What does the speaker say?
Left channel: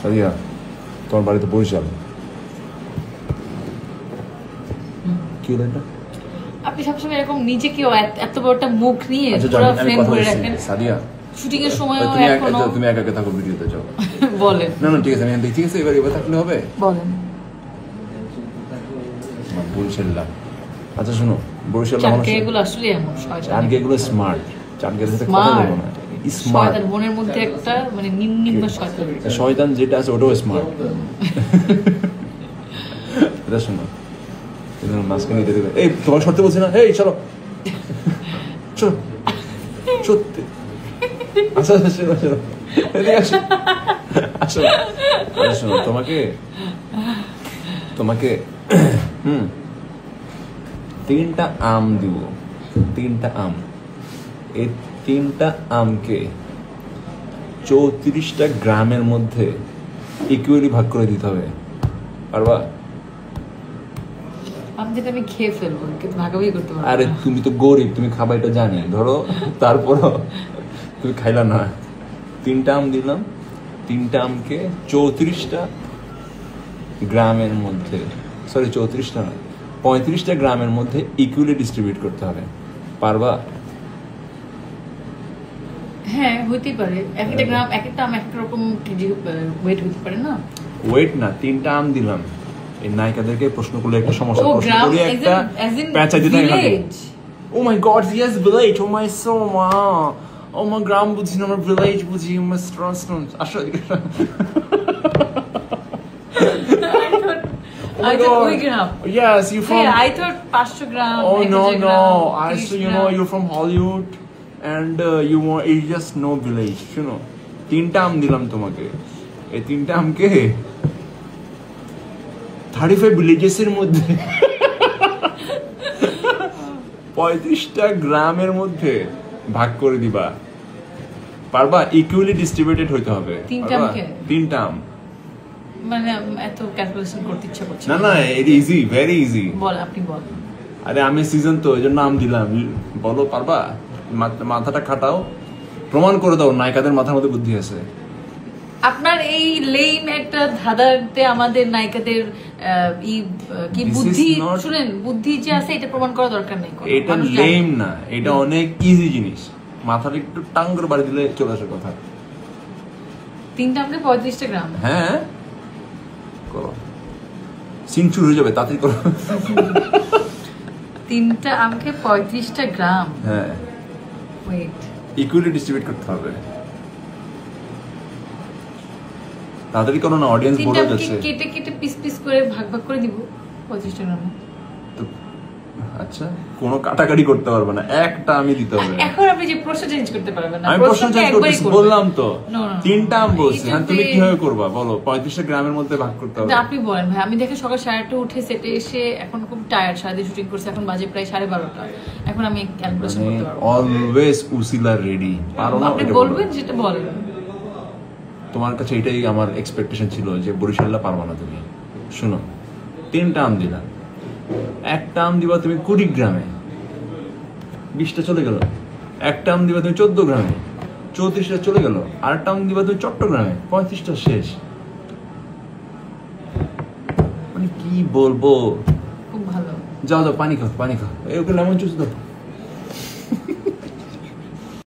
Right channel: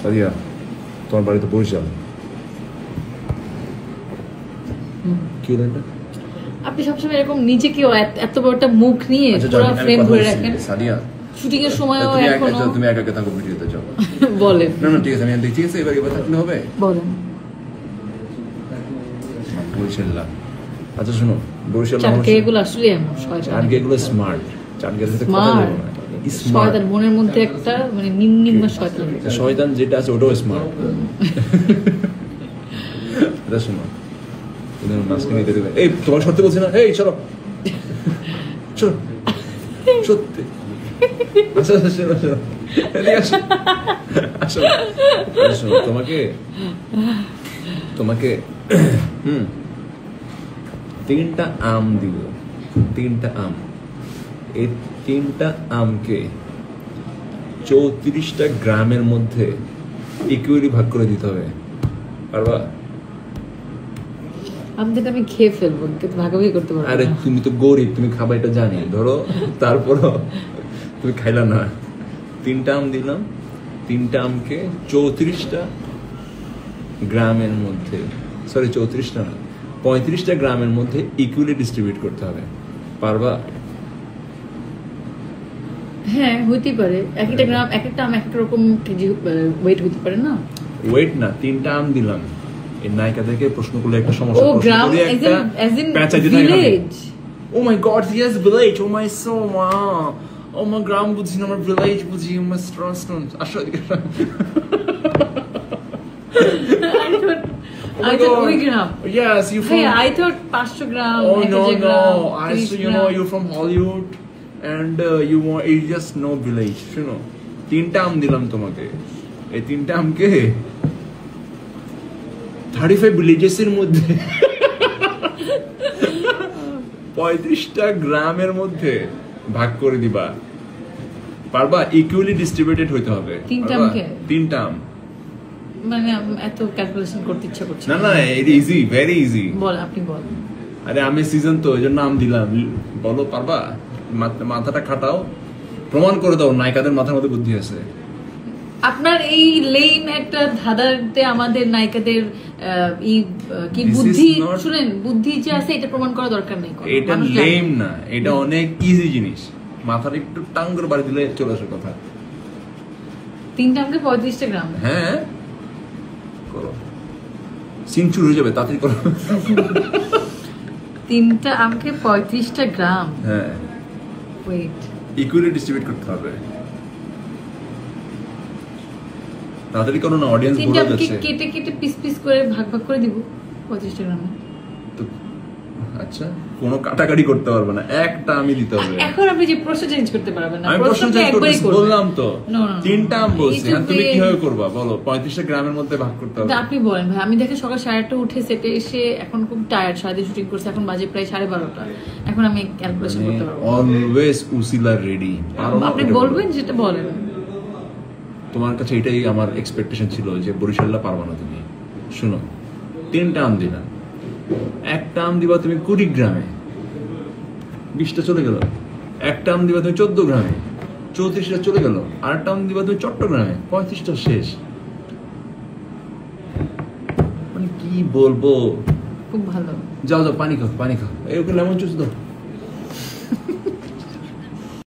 সাদিয়া, তোমার বাড়িতে বরিশাল। কি হলো এটা? আপনি সবসময় এরকম নিজেকে এত বড় একটা মুখ নিয়ে পুরো ফ্রেম ধরে রাখেন। সাদিয়া, শুটিং এর সময়ও এখনো তুমি একা একা থাকো ভিডিওতে, চলো বলেন। না ঠিক আছে, আমি দেখি এবার থাকলে হবে। বলেন। বরিশাল। আচ্ছা শোনো, বরিশাল চাটকেগুলো আসলে এমন চাটকেগুলো স্মার্ট, চাটকের সাথে স্মার্ট শয়তান, মনের মধ্যে একটা মানে নিম্ন শয়তান। শয়তান যেটা আছে ওটাও স্মার্ট। এটা শোনো, মাঝখানে এই তোমার সরতে বলছি না, এই চলো চলো সত্যি। আচ্ছা শোনো শোনো, শোনো তোমাকে তোমাকে 3টা আম দিব, 3টা আম। এই 3টা আমকে 34টা গ্রামের মধ্যে ইকুয়ালি ভাগ করে দিতে হবে, পারবা? আমি খেয়ে ফেলবো, কিন্তু ভাগাভাগি করতে পারবো। আরে তুমি তো গরিব, তুমি খাবার এটা জানি, ধরো তারপরও তুমি খাইলা না। 3টা আম দিলাম, 3টা আমকে 34টা গ্রামের মধ্যে, সরি 34টা না, 35টা গ্রামের মধ্যে ইকুয়ালি ডিস্ট্রিবিউট করতে হবে, পারবা? হ্যাঁ হইতে পারে, একটা গ্রাম একটা আম একটা রকম কেজি ওয়েট হইতে পারে না। ওয়েট না, 3টা আম দিলাম। এই নায়িকাদেরকে প্রশ্ন করলে একটা সমস্যা। ও গ্রাম ভিলেজ। ও মাই গড, ইয়েস ভিলেজ। ও মাই সো ও মাই গ্রাম বুঝি না, আমার ভিলেজ বুঝি। আসলে I thought we gram. Yes, you from. Hey, I thought 500 gram. Oh no, I so you know you're from Hollywood, and you want you just know village, you know. 3টা আম দিলাম তোমাকে, এই 3টা আমকে 35 villages এর মধ্যে 35টা গ্রামের মধ্যে ভাগ করে দিবা, পারবা? ইকুয়ালি ডিস্ট্রিবিউটেড হইতে হবে। 3টা আম মানে এত ক্যালকুলেশন করতে ইচ্ছা করছে না। না, এটা ইজি, ভেরি ইজি। বল, আপনি বল। আরে আমি সিজন তো এই জন্য আম দিলাম, বলো পারবা? মাথাটা খাটাও, প্রমাণ করে দাও নায়িকাদের মাথার মধ্যে বুদ্ধি আছে। আপনার এই লেম একটা ধাঁধাতে আমাদের নায়িকাদের কি বুদ্ধি, শুনেন, বুদ্ধি যে আছে এটা প্রমাণ করা দরকার নেই। এটা লেম না, এটা অনেক ইজি জিনিস, মাথাটা একটু টাং করে বাড়ি দিলে চলে আসে কথা। 3টা আমকে 35টা গ্রাম। হ্যাঁ করো, সিনচুর হয়ে যাবে, তাড়াতাড়ি করো। 3টা আমকে 35টা গ্রাম। হ্যাঁ, ওয়েট, ইকুয়ালি ডিস্ট্রিবিউট করতে হবে, তাড়াতাড়ি করো না, অডিয়েন্স বড় হয়ে যাচ্ছে। 3টা কেটে কেটে পিস পিস করে ভাগ ভাগ করে দিব 35টা গ্রামে। আচ্ছা, কোনো কাটাকাটি করতে পারবে না, একটা আমি দিতে হবে। এখন আপনি যে প্রশ্ন চেঞ্জ করতে পারবেন না, আমি প্রশ্ন চেঞ্জ করতে বললাম তো। 3টা আম বলছি, তুমি কিভাবে করবা বলো? 35টা গ্রামের মধ্যে ভাগ করতে হবে। আপনি বলেন ভাই। আমি দেখে সকাল 8:30 উঠে সেটে এসে এখন খুব টায়ার্ড, সারাদিন শুটিং করছি, এখন বাজে প্রায় 12:30। এখন আমি ক্যালকুলেশন করতে পারবো। অলওয়েজ উসিলা রেডি। আপনি বলবেন যেটা বলেন। তোমার কাছে এটাই আমার এক্সপেকটেশন ছিল যে বরিশালটা পারবা না তুমি। শুনো, 3টা আম দিলাম, একটা আম দিবা তুমি 20 গ্রামে, 20টা চলে গেল। একটা আম দিবা তুমি 14 গ্রামে, 34টা চলে গেল। আরেকটা আম দিবা তুমি চট্টগ্রামে, 35টা শেষ। মানে কি বলবো, খুব ভালো। যাও যাও পানি খাও, পানি খাও। এই ওকে লেমন জুস দাও।